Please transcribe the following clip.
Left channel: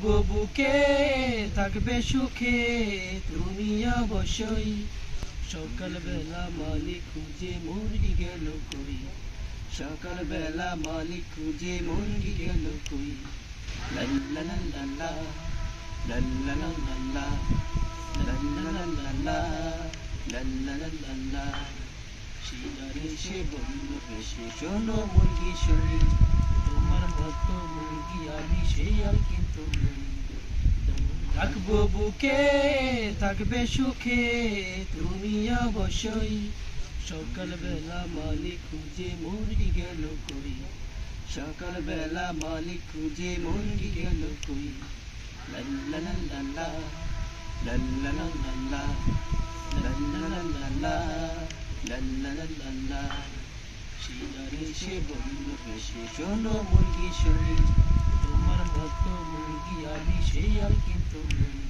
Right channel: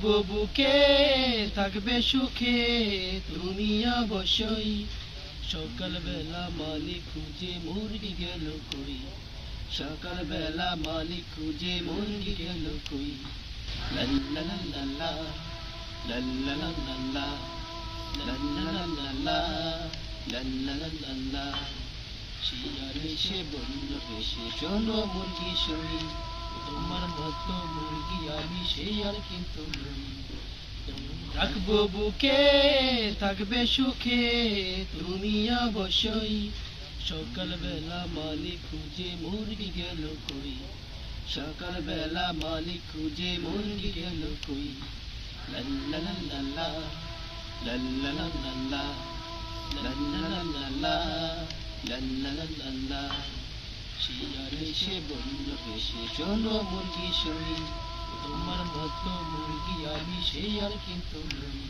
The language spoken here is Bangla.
রাখবো বুকে থাকবে সুখে তুমি অবশ্যই। সকালবেলা মালিক খুঁজে মুরগি গেল কই, সকালবেলা মালিক খুঁজে মুরগি গেল কই। লাল্লা লাল্লা লাল্লা লাল্লা লাল্লা লাল্লা লাল্লা লাল্লা। শিয়াল এসে বলল বেশি শোনো মুরগি সই, তোমার মতো মুরগি আমি সেই আর কিন্তু নই। রাখবো বুকে থাকবে সুখে তুমি অবশ্যই। সকালবেলা মালিক খুঁজে মুরগি গেল কই, সকালবেলা মালিক খুঁজে মুরগি গেল কই। লাল্লা লাল্লা লাল্লা লাল্লা লাল্লা লাল্লা লাল্লা লাল্লা। শিয়াল এসে বলল বেশি শোনো মুরগি সই, তোমার মতো মুরগি আমি সেই আর কিন্তু নই।